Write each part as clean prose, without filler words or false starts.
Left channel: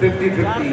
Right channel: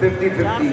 50-50،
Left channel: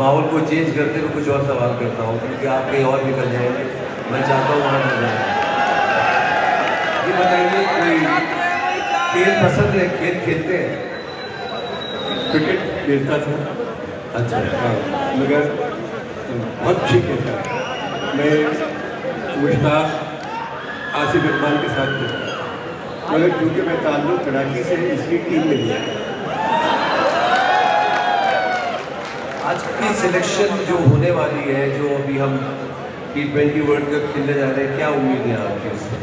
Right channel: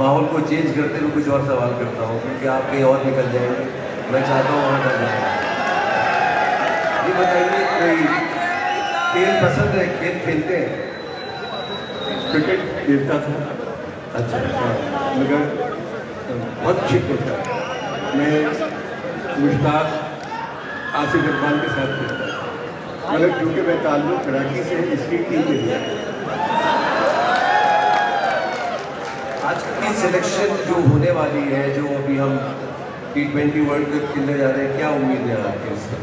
माहौल को चेंज करते हुए कुछ और सवाल करता हूँ, क्योंकि आप कहीं और निकल जाएंगे, मैं चाहता हूँ वहाँ पर जाए। ये बताइए, कोई खेल पसंद है, खेल खेलते हैं? क्रिकेट खेलता था। अच्छा। मगर बहुत ठीक खेलता था। मैं मुश्ताक आसिफ इकबाल के साथ खेलता था, मगर क्योंकि मैं ताल्लुक कराची से इसकी टीम में लिया। आज की सिलेक्शन जो होने वाली है, जो अभी हम T20 वर्ल्ड कप खेलने जा रहे हैं, क्या उम्मीद है आपकी उससे?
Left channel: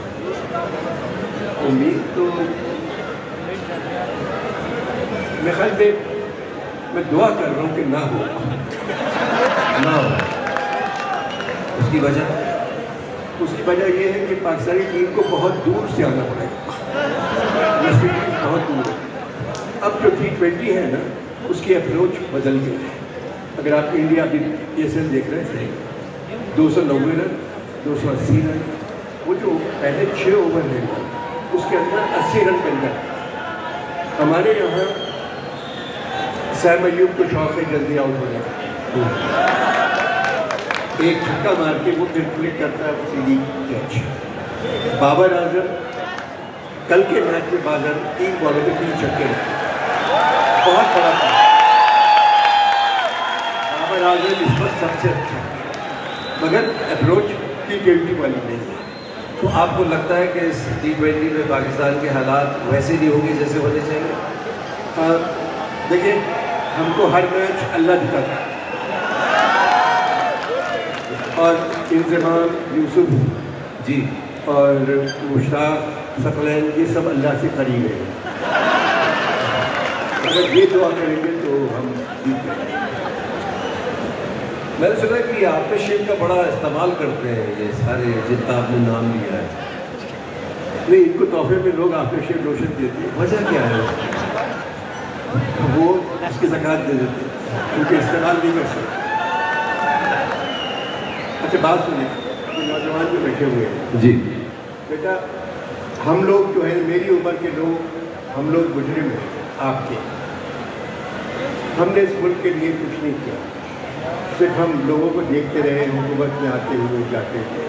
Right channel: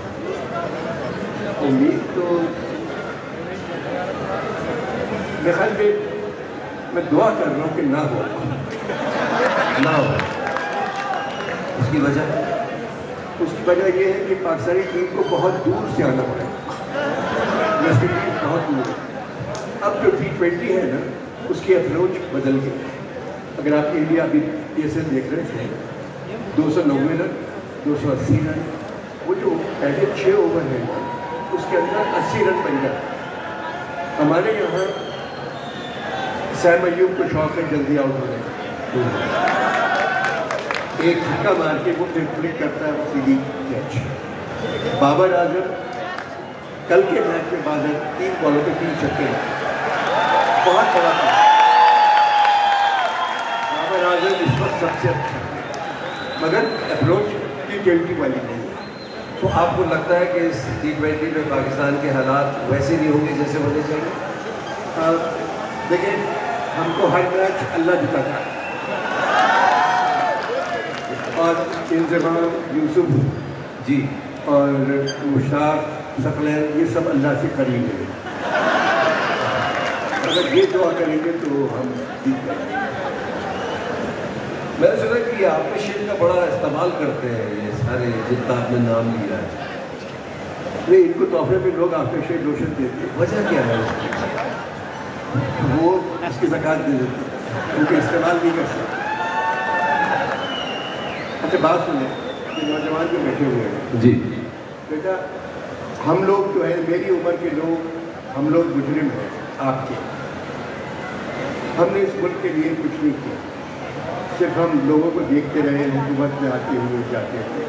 उम्मीद तो मेरे ख्याल में मैं दुआ कर रहा हूँ कि ना हो। उसकी वजह ये है कि पाकिस्तानी टीम को बहुत दूर से आना पड़ा, वैसे टीम बहुत दूर है। अब जो T20 है ना, उसकी अप्रोच बदल गई है। अगर आप इंडिया अभी PSL देख रहे थे, 290 रन, 280 रन, वो जो पहले 6 ओवर है उसके अंदर 80 रन बन गए। हमारे यहाँ सैम अयूब को शौक में जल्दी आउट हो गया, एक छक्का मार के वो फिर क्लिक करता है सीधी कैच। बाबर आजम कल के मैच में बाबर 3 बॉलों पे 3 छक्के, बहुत बड़ा था। बाबर आजम इस वक्त सबसे अच्छा, मगर अप्रोच T20 वाली नहीं। तो आपको लगता है कि इस T20 में पाकिस्तान के हालात वैसे नहीं होंगे जैसे होने चाहिए? देखिए, हमको हर मैच अल्लाह दिखाता है, और इंतज़ाम यूसुफ जी और मुश्ताक सफलैन ये सब अल्लाह से करीब है। अगर ये दुआ करेंगे तो हम जीत जाएंगे। मैंने सुना कि आफ्टरशेव का बड़ा इस्तेमाल करते हैं ये सारे जिनका आपने नाम लिया है। नहीं, इनको तोहफे में लोग आफ्टरशेव लोशन देते हैं। वजह क्या है उसकी? वो इसकी ज़कात दे देते हैं, क्योंकि इस्तेमाल नहीं कर सकते। अच्छा, बात सुनिए, नौजवान जो बैठे हुए हैं जी बेटा, हम लोग जो है, मेरी उम्र के लोग, हम लोग मुजरिम हैं आपके। हमने इस मुल्क के लिए कुछ नहीं किया, सिर्फ हम लोगों को देखते रहे, हुकूमत में आते हुए जाते हुए।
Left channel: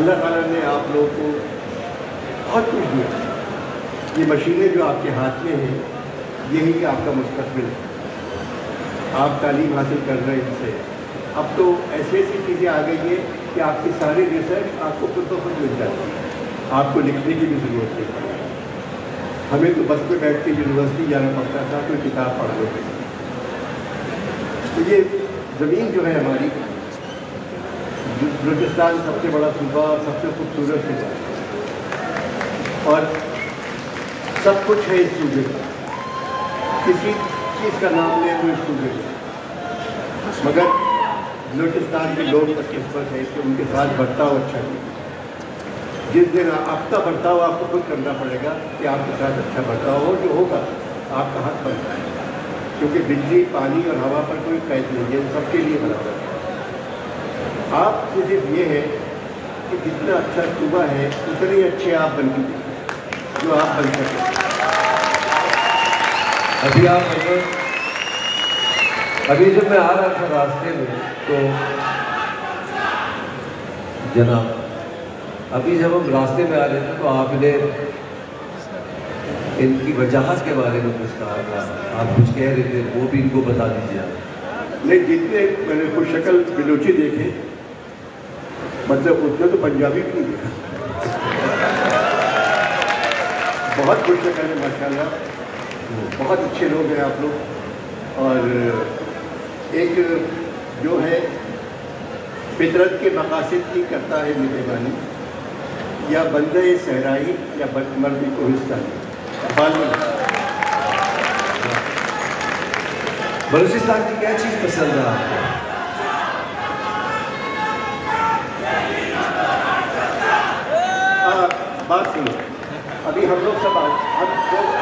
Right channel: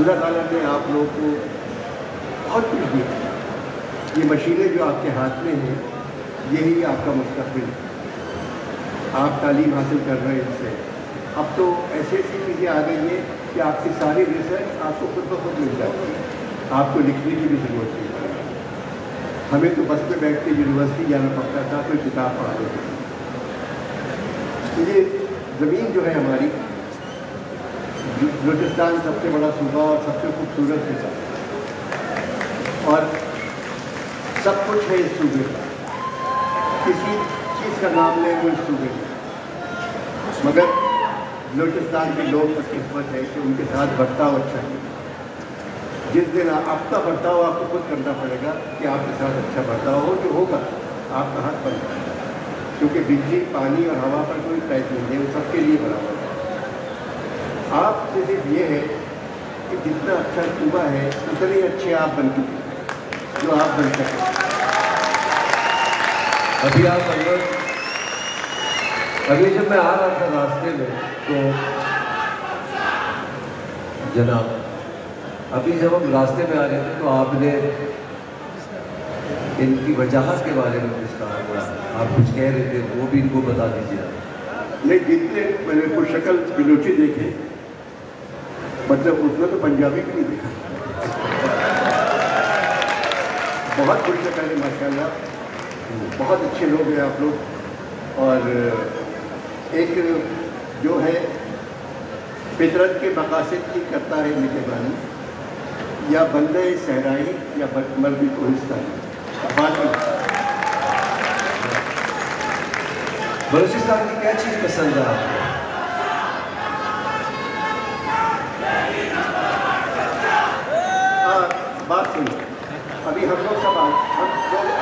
अल्लाह ताला ने आप लोगों को बहुत कुछ दिया। ये मशीनें जो आपके हाथ में हैं, यही आपका मुस्तक़बिल है। आप तालीम हासिल कर रहे हैं इनसे। अब तो ऐसी ऐसी चीज़ें आ गई हैं कि आपकी सारी रिसर्च आपको खुद ब खुद मिल जाती है, आपको लिखने की भी ज़रूरत नहीं है। हमें तो बस में बैठ के यूनिवर्सिटी जाना पड़ता था, कोई किताब पढ़ लो। तो ये ज़मीन जो है हमारी, बलूचिस्तान सबसे बड़ा सूबा और सबसे खूबसूरत सूबा, और सब कुछ है इस सूबे का। किसी चीज़ का नाम नहीं वो इस सूबे का, मगर बलूचिस्तान के लोग बदकिस्मत है कि उनके साथ बर्ताव अच्छा है। जिस दिन आपका बर्ताव आपको खुद करना पड़ेगा कि आपके साथ अच्छा बर्ताव हो, जो होगा आपका हक बनता है, क्योंकि बिजली, पानी और हवा पर कोई पैच नहीं है, सबके लिए बना है। आप सिर्फ ये है कि जितना अच्छा सूबा है उतने ही अच्छे आप बन चुके, जो आप बन सकें। अभी जब मैं आ रहा था रास्ते में, तो जनाब, अभी जब हम रास्ते में आ रहे थे तो आपने इनकी वजाहत के बारे में कुछ कहा था, आप कुछ कह रहे थे, वो भी इनको बता दीजिए। नहीं, जितने मैंने कोई शक्ल बिलोची देखे, मतलब उतना तो पंजाबी भी नहीं देखा। बहुत खुश है मैंने, माशाल्लाह, बहुत अच्छे लोग हैं आप लोग। और एक जो है फितरत के मकासद की करता है निगरानी, या बंदे सहराई या मर्दी को हिस्सा बलूचिस्तान की क्या चीज़ पसंद है आपको? बात सुनो, अभी हम लोग सब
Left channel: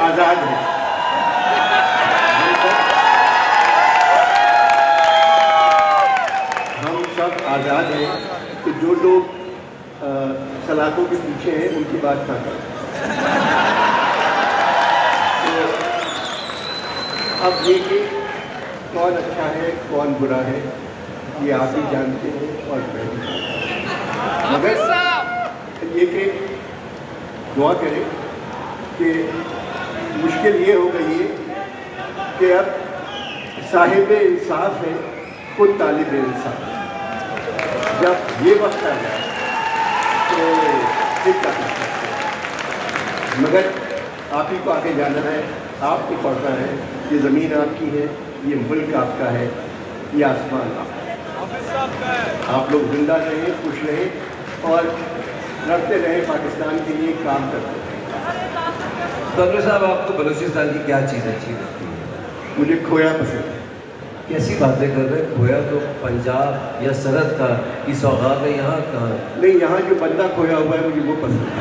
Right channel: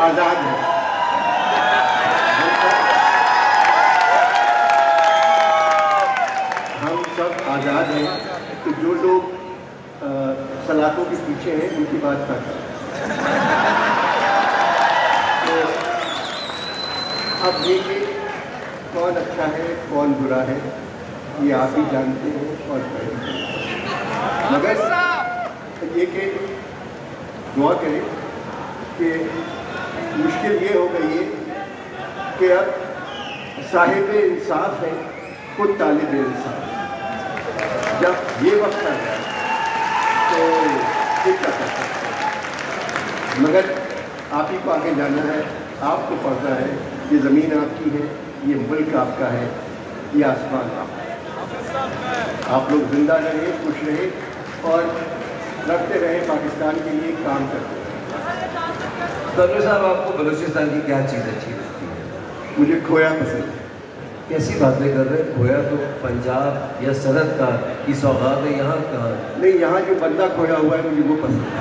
आज़ाद हैं, हम सब आज़ाद हैं। तो जो लोग सलाखों के पीछे हैं उनकी बात कर रहे हैं। तो अब ये कि कौन अच्छा है कौन बुरा है ये आप ही जानते हैं और मैं भी जानता हूं। मगर ये कि दुआ करें कि मुश्किल ये हो गई है कि अब साहिब इंसाफ है खुद तालिब इंसाफ। जब ये वक्त आ जाए तो दिक्कत आ सकती है, मगर आप ही को आगे जाना है, आपको पढ़ना है। ये ज़मीन आपकी है, ये मुल्क आपका है, ये आसमान आपका है। आप लोग जिंदा रहें, खुश रहें और रखते रहें, पाकिस्तान के लिए काम करते रहें। डॉक्टर साहब, आपको बलूचिस्तान की क्या चीज़ अच्छी लगती है? मुझे खोया पसंद है। कैसी बातें कर रहे हैं? खोया तो पंजाब या सरहद का की सौगात है, यहाँ कहाँ? नहीं, यहाँ जो बंदा खोया हुआ है मुझे वो पसंद है।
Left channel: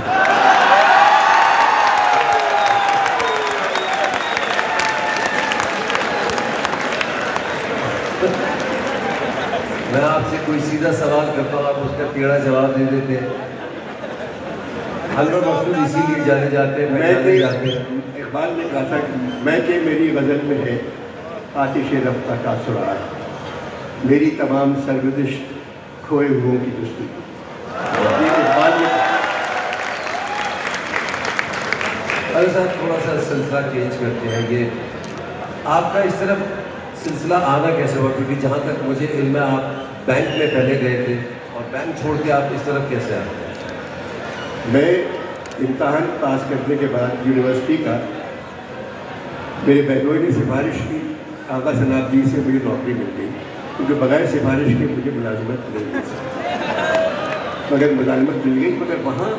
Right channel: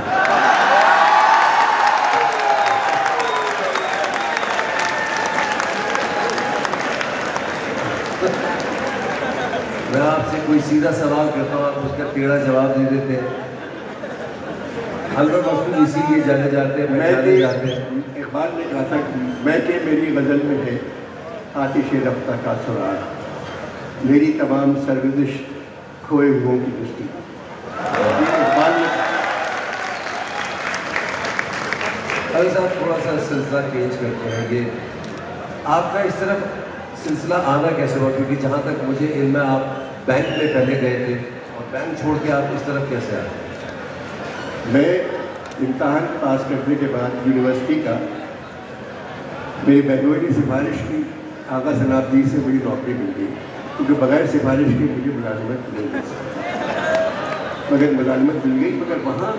मैं आपसे कोई सीधा सवाल करता हूँ, आप उसका टेढ़ा जवाब दे देते हैं। हम लोग मौजूद इसीलिए जाने जाते हैं, इकबाल ने कहा था मैं कि मेरी गज़ल में है आतिश रफ्ता का सुराग, मेरी तमाम सरगुज़िश खोए हुओं की दुश्मनी। अरे साहब, थोड़ा सा सिलसिला चेंज करते हैं। ये आपका इस तरफ सिलसिला आना कैसे हुआ? क्योंकि जहाँ तक मुझे इल्म है आप बैंक में पहले गए थे और बैंक छोड़ के आप इस तरफ कैसे आए? मैं इम्तहान पास करने के बाद यूनिवर्सिटी का मेरे बहनों की सिफारिश की आगा सनाब जी से मुझे नौकरी मिल गई, क्योंकि बगैर सिफारिश के मुझे मुलाजिमत नहीं मिल सकती। मगर मुलाजिमत मिल गई, मगर वहाँ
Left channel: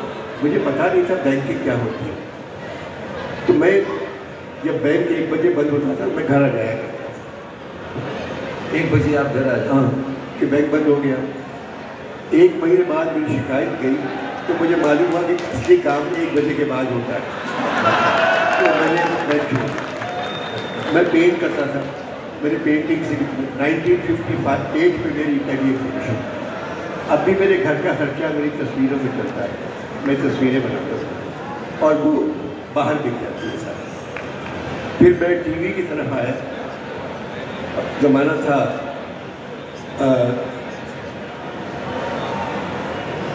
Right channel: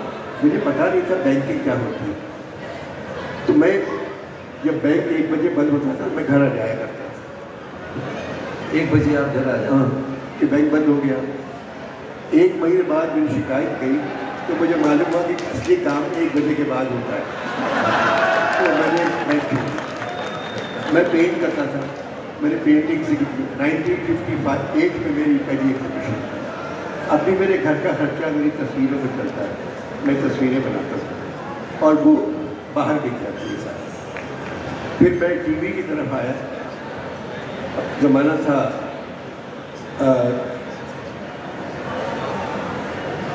मुझे पता नहीं था बैंकिंग क्या होती है। तो मैं जब बैंक 1 बजे बंद होता था मैं घर आ जाया करता था। 1 बजे आप घर आए? हाँ, कि बैंक बंद हो गया। 1 महीने बाद मेरी शिकायत गई तो मुझे मालूम हुआ कि असली काम 1 बजे के बाद होता है। तो मैं पेंट करता था, मैंने पेंटिंग सीखी। 1958 में मेरी पहली एग्जीबिशन। अब भी मेरे घर का खर्चा मेरी तस्वीरों में चलता है, मैं तस्वीरें बनाता हूँ और वो बाहर दिख जाती है सारा। फिर मैं टीवी की तरफ आया। ज़माना था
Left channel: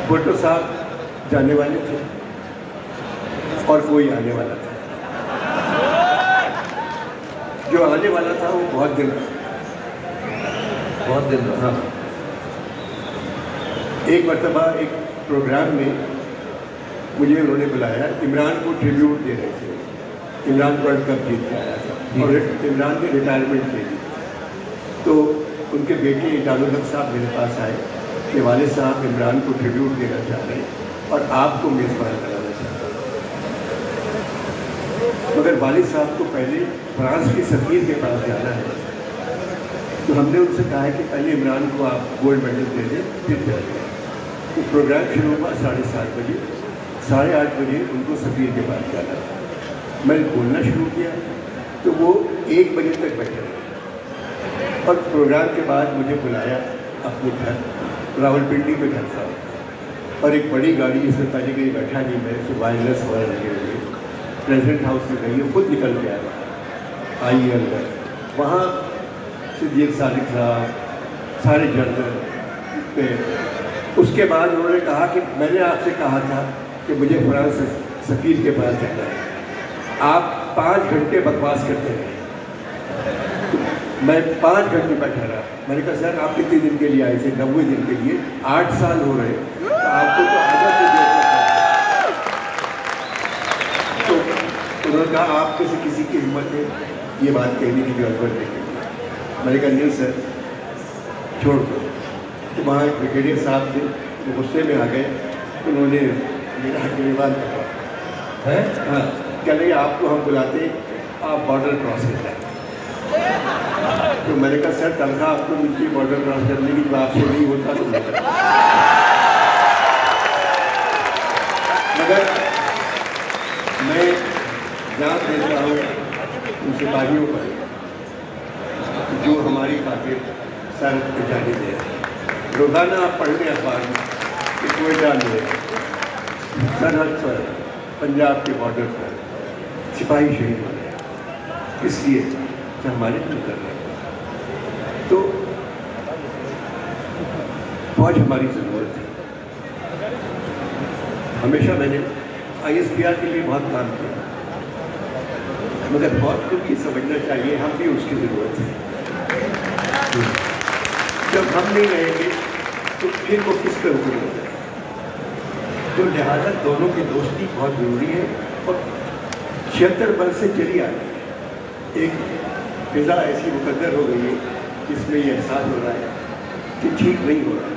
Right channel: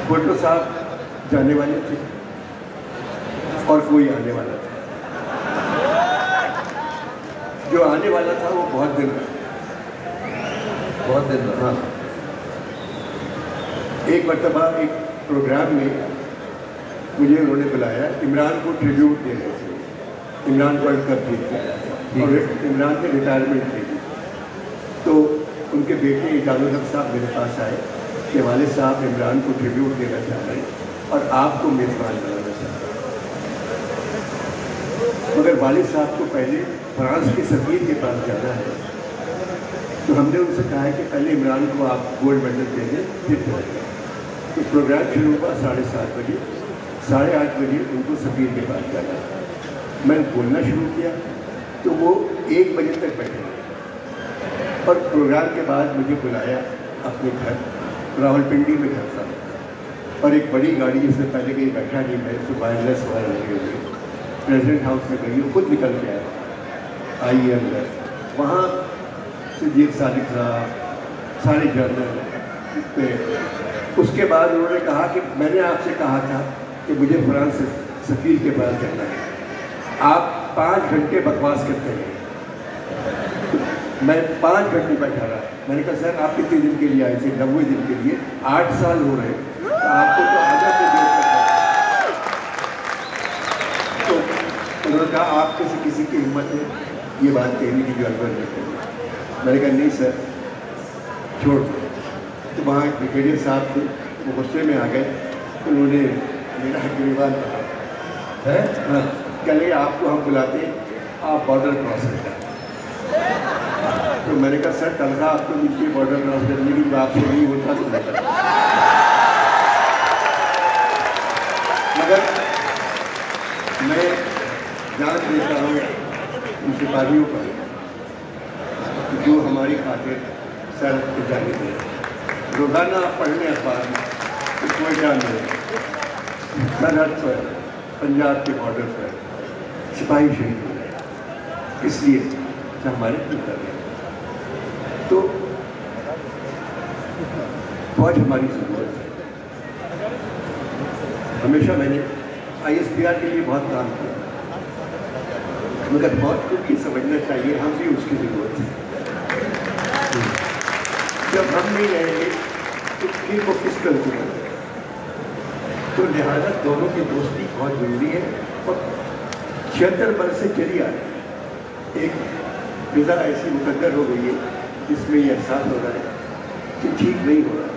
फोटो साहब जाने वाले थे और कोई आने वाला था। जो आने वाला था वो बहुत दिन था। एक मरतबा एक प्रोग्राम में मुझे उन्होंने बुलाया, इमरान को ट्रिब्यूट दे रहे थे। इमरान वर्ल्ड कप जीत के आया था और इमरान ने रिटायरमेंट ले ली। तो उनके बेटे इजामुल हक साहब मेरे पास आए कि वालिद साहब इमरान को ट्रिब्यूट देना चाहते हैं और आपको मेज़बान बनाना चाहते हैं। मगर वालिद साहब को पहले फ्रांस के सफ़ीर के पास जाना है, तो हमने उनसे कहा है कि पहले इमरान को आप गोल्ड मेडल दे दें फिर चलेंगे। तो प्रोग्राम शुरू हुआ 7:30 बजे। 8:30 बजे उनको सफ़ीर के पास जाना है। मैं बोलना शुरू किया तो वो 1 बजे तक बैठे रहे और प्रोग्राम के बाद मुझे बुलाया अपने घर, रावलपिंडी में घर था और एक बड़ी गाड़ी जिसमें पहले कहीं बैठा नहीं, मैं से वायरलेस और लगे हुए प्रेसिडेंट हाउस में गई, खुद निकल के आया। आइए अंदर, वहाँ सिद्दीक सादिक साहब सारे जर्नल पे। उसके बाद उन्होंने कहा कि मैंने आपसे कहा था कि मुझे फ्रांस सफ़ीर के पास जाना है, आप 5 घंटे बकवास करते रहे। मैं 5 घंटे बैठा रहा। मैंने कहा सर आप कितने दिन के लिए आए थे? 90 दिन के लिए। 8 साल हो रहे, तो आपको तो आधा दिन तो उन्होंने कहा आप किसी की हिम्मत है ये बात कहने की भी अवसर नहीं। मैंने कहा नहीं सर छोड़ दो। तो वहाँ एक ब्रिगेडियर साहब थे, वो गुस्से में आ गए। उन्होंने मेरा गिरफ्तार किया है ना, कह रहे आपको हम बुलाते आप बॉर्डर क्रॉस करते हैं। तो मैंने कहा सर तनख्वाह आपको मिलती है बॉर्डर क्रॉस करने की, जो आपसे नहीं होता तो मगर मैं जान देता हूँ उन सिपाहियों पर जो हमारी खातिर सर पे जाने दे। रोजाना पढ़ने अखबार में कोयटा में सरहद पर पंजाब के बॉर्डर पर सिपाही शहीद हो गए, इसलिए हमारे कर रहे। तो फौज हमारी ज़रूरत है। हमेशा मैंने ISPR के लिए बहुत काम किया, मगर फौज को भी समझना चाहिए हम भी उसकी ज़रूरत है। जब हम नहीं रहेंगे तो फिर वो किस तरह को रहेगा? तो लिहाजा दोनों की दोस्ती बहुत जरूरी है। तो 76 वर्ष से चली आ रही एक फिजा ऐसी मुकद्दर हो गई है जिसमें ये एहसास हो रहा है कि ठीक नहीं हो रहा,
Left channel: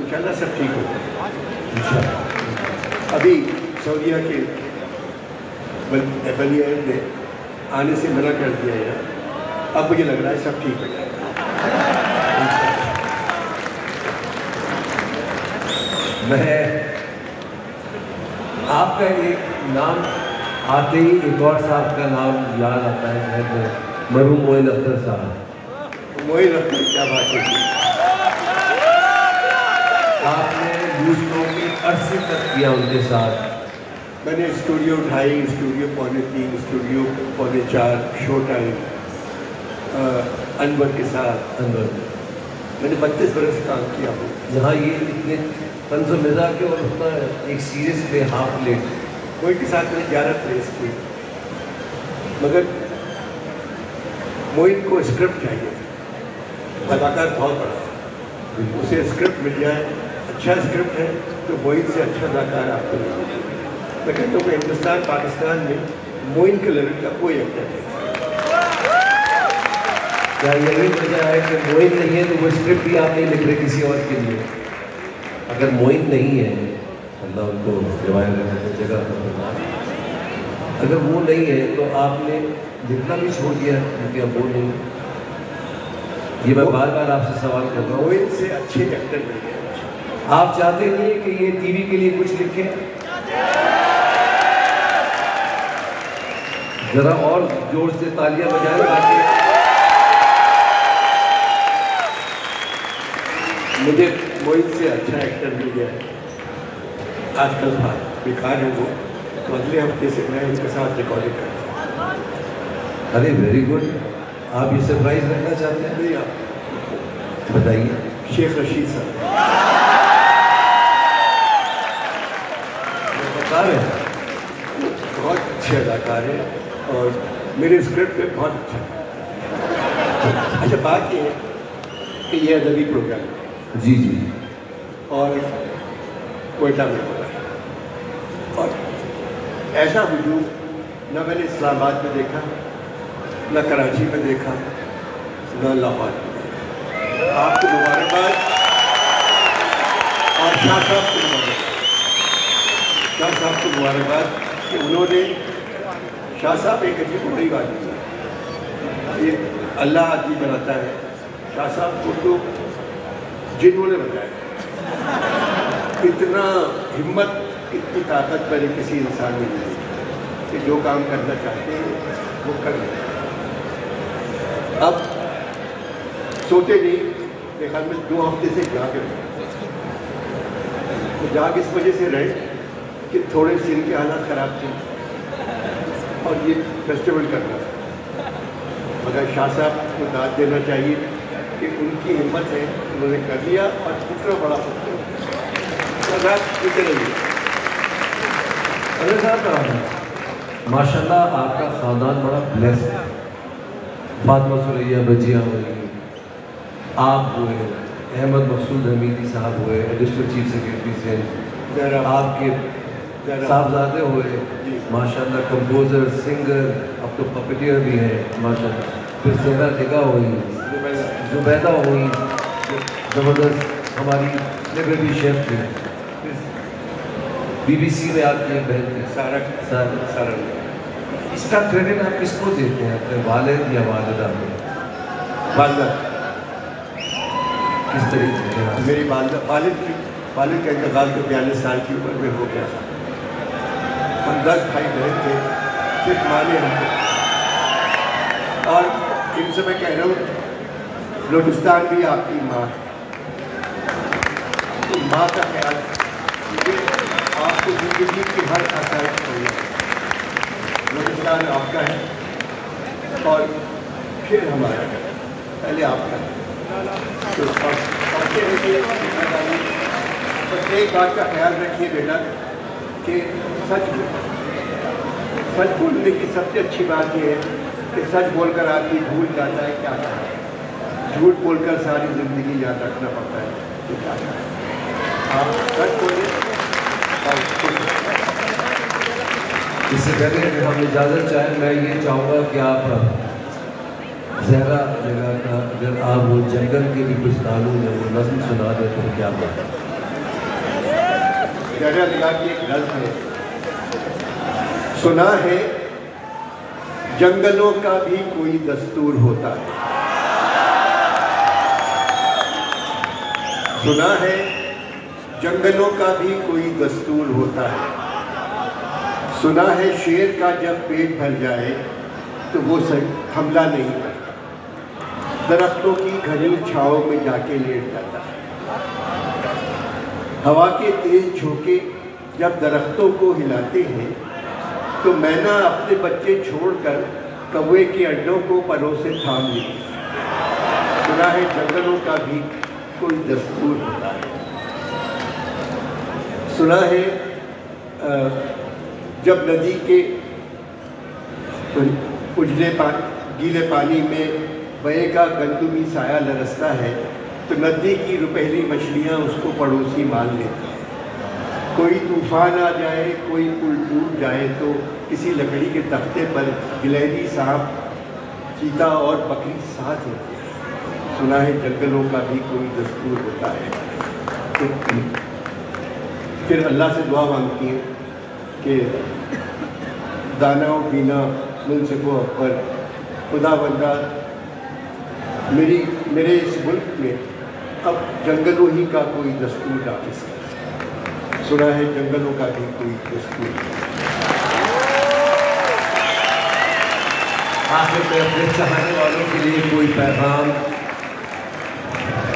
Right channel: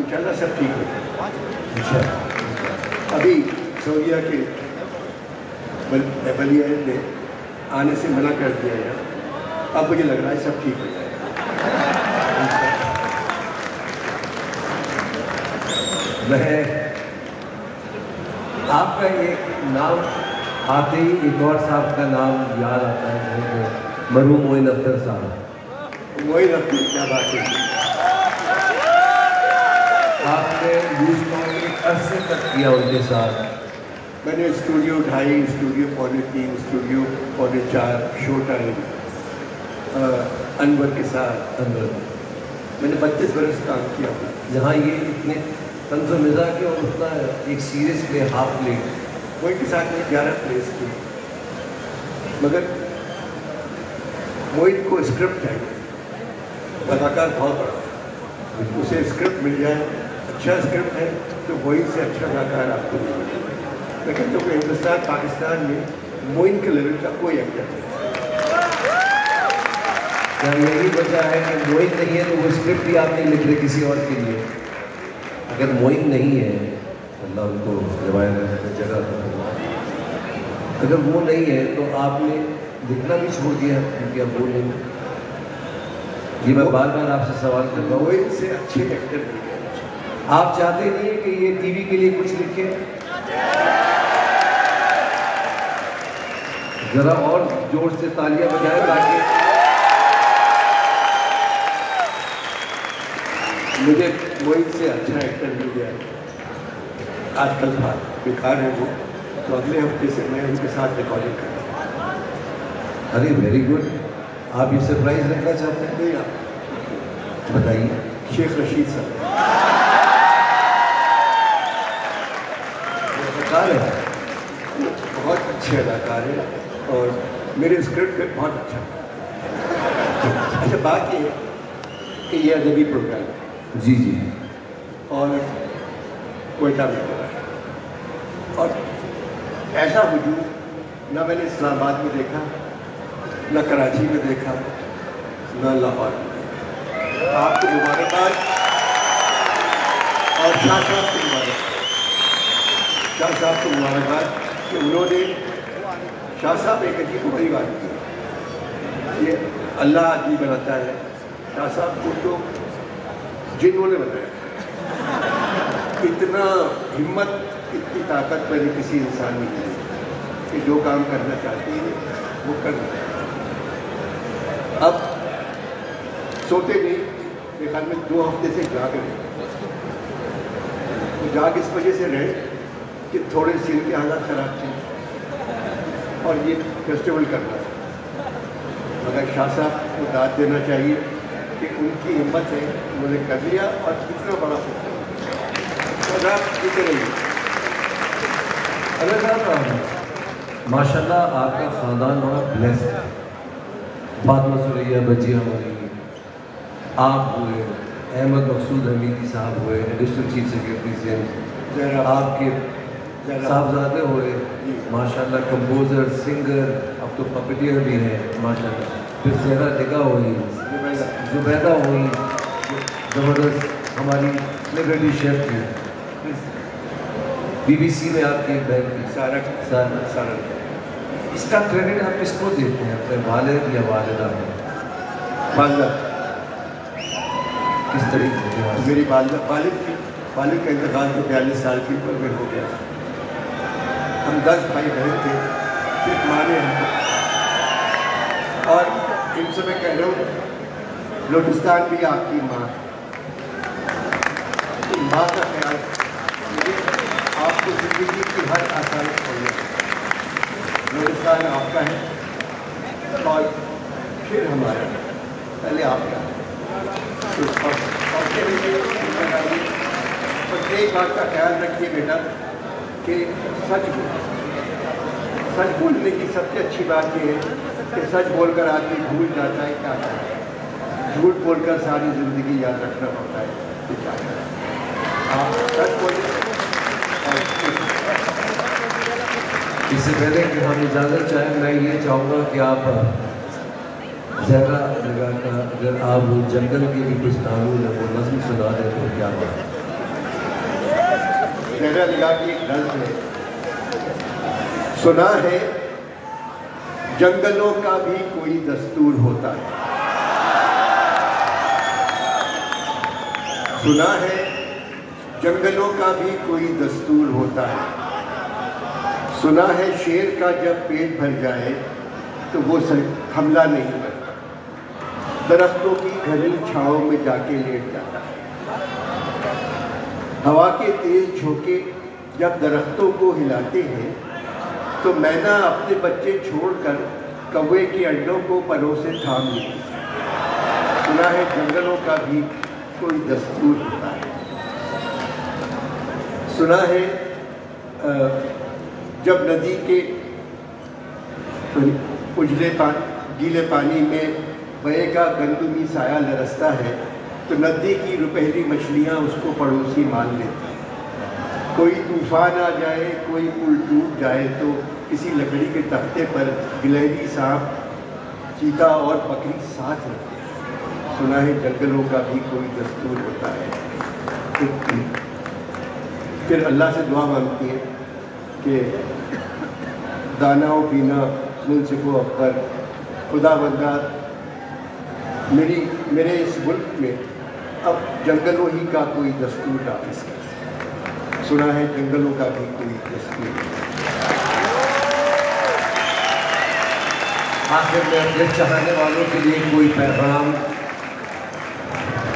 इंशाअल्लाह सब ठीक होगा। अभी सऊदीया के बलिया ने आने से मना कर दिया है, अब मुझे लग रहा है सब ठीक हो जाएगा। मैं आपका एक नाम आते ही एक और साहब का नाम याद आता है, जो मरहूम मोइन अख्तर साहब। मोइन अख्तर क्या बात है, आपने न्यूज़ को एक अरसे तक किया उनके साथ। मैंने studio 2.5, studio 3.25, studio 4.25, show time Anwar के साथ मैंने 32 बरस काम किया। जहाँ ये इतने तंज़ो मिज़ाज के और उतना एक सीरीज पे हाफ प्लेट, मोइन के साथ मैंने 11 प्लेस की, मगर मोइन को स्क्रिप्ट चाहिए, कलाकार बहुत बड़ा, उसे स्क्रिप्ट मिल जाए, अच्छा स्क्रिप्ट है तो मोइन से अच्छा कलाकार आपको नहीं मिलेगा। मैं कहता हूँ हिंदुस्तान पाकिस्तान में मोइन के लेवल का कोई एक्टर नहीं। क्या यही वजह है कि मोइन नहीं है तो वो स्क्रिप्ट भी आप नहीं लिख रहे किसी और के लिए? अगर मोइन नहीं है, अल्लाह उनको जगह, अगर वो नहीं है तो आपने लिखना भी छोड़ दिया क्योंकि अब वो नहीं। ये मैं बार बार आपसे सवाल कर रहा हूँ, मोइन से अच्छे एक्टर नहीं है। आप चाहते नहीं कि ये टीवी के लिए कुछ लिखें? जरा और जोर से तालियां बजाए ताकि मुझे मोइन से अच्छा एक्टर मिल गया है। आजकल था बेकार है वो, तो अगले हफ्ते से मैं उनके साथ रिकॉर्डिंग करता हूँ। अरे वेरी गुड, आप ये सरप्राइज रखना चाहते हैं? नहीं, आप बताइए। शेख रशीद साहब अदाकार है, बहुत अच्छे अदाकार हैं और मेरे स्क्रिप्ट पे बहुत अच्छा है। अच्छा, बात ये है कि ये अदबी प्रोग्राम है जी जी, और कोयटा में हो रहा है, और ऐसा वजूद न मैंने इस्लामाबाद में देखा, न कराची में देखा, न लाहौर में देखा। आपको मुबारकबाद और शाह साहब को मुबारकबाद, शाह साहब को मुबारकबाद कि उन्होंने, शाह साहब एक अजीब बड़ी बात की, ये अल्लाह आदमी बनाता है, शाह साहब को तो जिन्हों ने बनाया। इतना हिम्मत, इतनी ताकत मैंने किसी इंसान में नहीं देखी कि जो काम करना चाहते हैं वो कर लेते हैं। अब सोते नहीं, देखा मैं 2 हफ्ते से जाग रहे, तो जाग इस वजह से रहे कि थोड़े सीन के हालात ख़राब थे और ये फेस्टिवल करना था। मगर शाह साहब को दाद देना चाहिए कि उनकी हिम्मत है, उन्होंने कर लिया और कितना बड़ा फेस्टिवल। माशाल्लाह आपका ख़ानदान बड़ा ब्लेस्ड है। फातिमा सुरैया बजिया हुई, आप हुए, अहमद मकसूद हमीदी साहब हुए, एडिशनल चीफ सेक्रेटरी से, आपके साहबजादे हुए, माशाल्लाह कंपोज़र, सिंगर, अब तो पपेटियर भी हैं माशाल्लाह, फिर ज़हरा निगाह हुई, जुबैदा हुई, ज़बरदस्त हमारी सेलिब्रिटी शेफ थी, BBC में आपकी एक बहन थी सारा। इसका क्रेडिट आप किसको देते हैं, अपने वालिद या वालिदा को? वालिदा। किस तरीके से? मेरी वालिद का इंतकाल तो 42 साल की उम्र में हो गया। हम 10 भाई बहन थे, सिर्फ माँ ने हमको, और इनसे मैं कह रहा हूँ बलूचिस्तान भी आपकी माँ, तो माँ का ख्याल आपकी ज़िंदगी की हर आसाइश चाहिए। बलूचिस्तान आपका है और फिर हमारा, पहले आपका, तो एक बात का ख्याल रखिए बेटा कि सच बोलने की सबसे अच्छी बात यह है कि सच बोलकर आदमी भूल जाता है क्या है, झूठ बोलकर सारी जिंदगी याद रखना होता है कि क्या है। सच बोले। इससे पहले कि हम इजाज़त चाहें, मैं ये चाहूँगा कि आप ज़हरा जगह का अगर आप वो जंगल के भी कुछ कानून है वो नज़्म सुना दें तो क्या बात। ज़हरा जगह की एक नज़्म है, सुना है जंगलों का भी कोई दस्तूर होता है, सुना है जंगलों का भी कोई दस्तूर होता है, सुना है शेर का जब पेट भर जाए तो वो हमला नहीं करता, दरख्तों की घनी छांव में जाके लेट जाता है, हवा के तेज झोंके जब दरख्तों को हिलाते हैं तो मैना अपने बच्चे छोड़कर कौवे के अंडों को परों से थाम लेती है, सुना है जंगलों का भी कोई दस्तूर होता है, सुना है जब नदी के गीले पानी में बहे का गंदमी साया लरसता है तो नदी की रुपहली मछलियाँ उसको पड़ोसी मान लेती हैं, कोई तूफान आ जाए कोई पुल टूट जाए तो किसी लकड़ी के तख्ते पर गिलहरी सांप चीता और बकरी साथ होती है, सुना है जंगलों का भी कोई दस्तूर होता है। फिर अल्लाह से दुआ मांगती है कि दाना और पीना मुल्क अकबर खुदा बंदा मेरे इस मुल्क में अब जंगलों ही का कोई दस्तूर नाफिज है, सुना है जंगलों का भी कोई दस्तूर। आखिर में अपने चाहने वालों के लिए कोई पैगाम।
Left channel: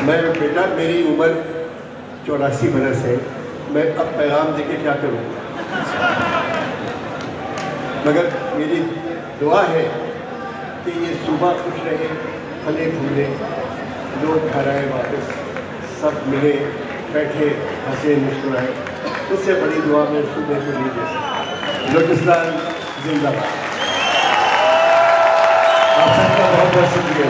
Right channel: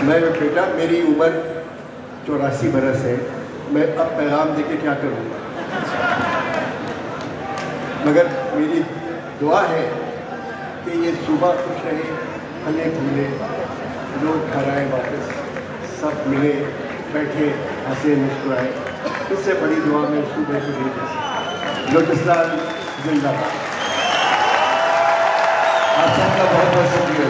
मैं बेटा मेरी उम्र 84 बरस है, मैं अब पैगाम देके क्या करूँगा, मगर मेरी दुआ है कि ये सुबह खुश रहे, फले फूले, लोग घर आए वापस, सब मिले बैठे हंसे मुस्कुराए, उससे बड़ी दुआ में सुबह को नहीं दे सकता। बलूचिस्तान जिंदाबाद। आप सबका बहुत बहुत शुक्रिया।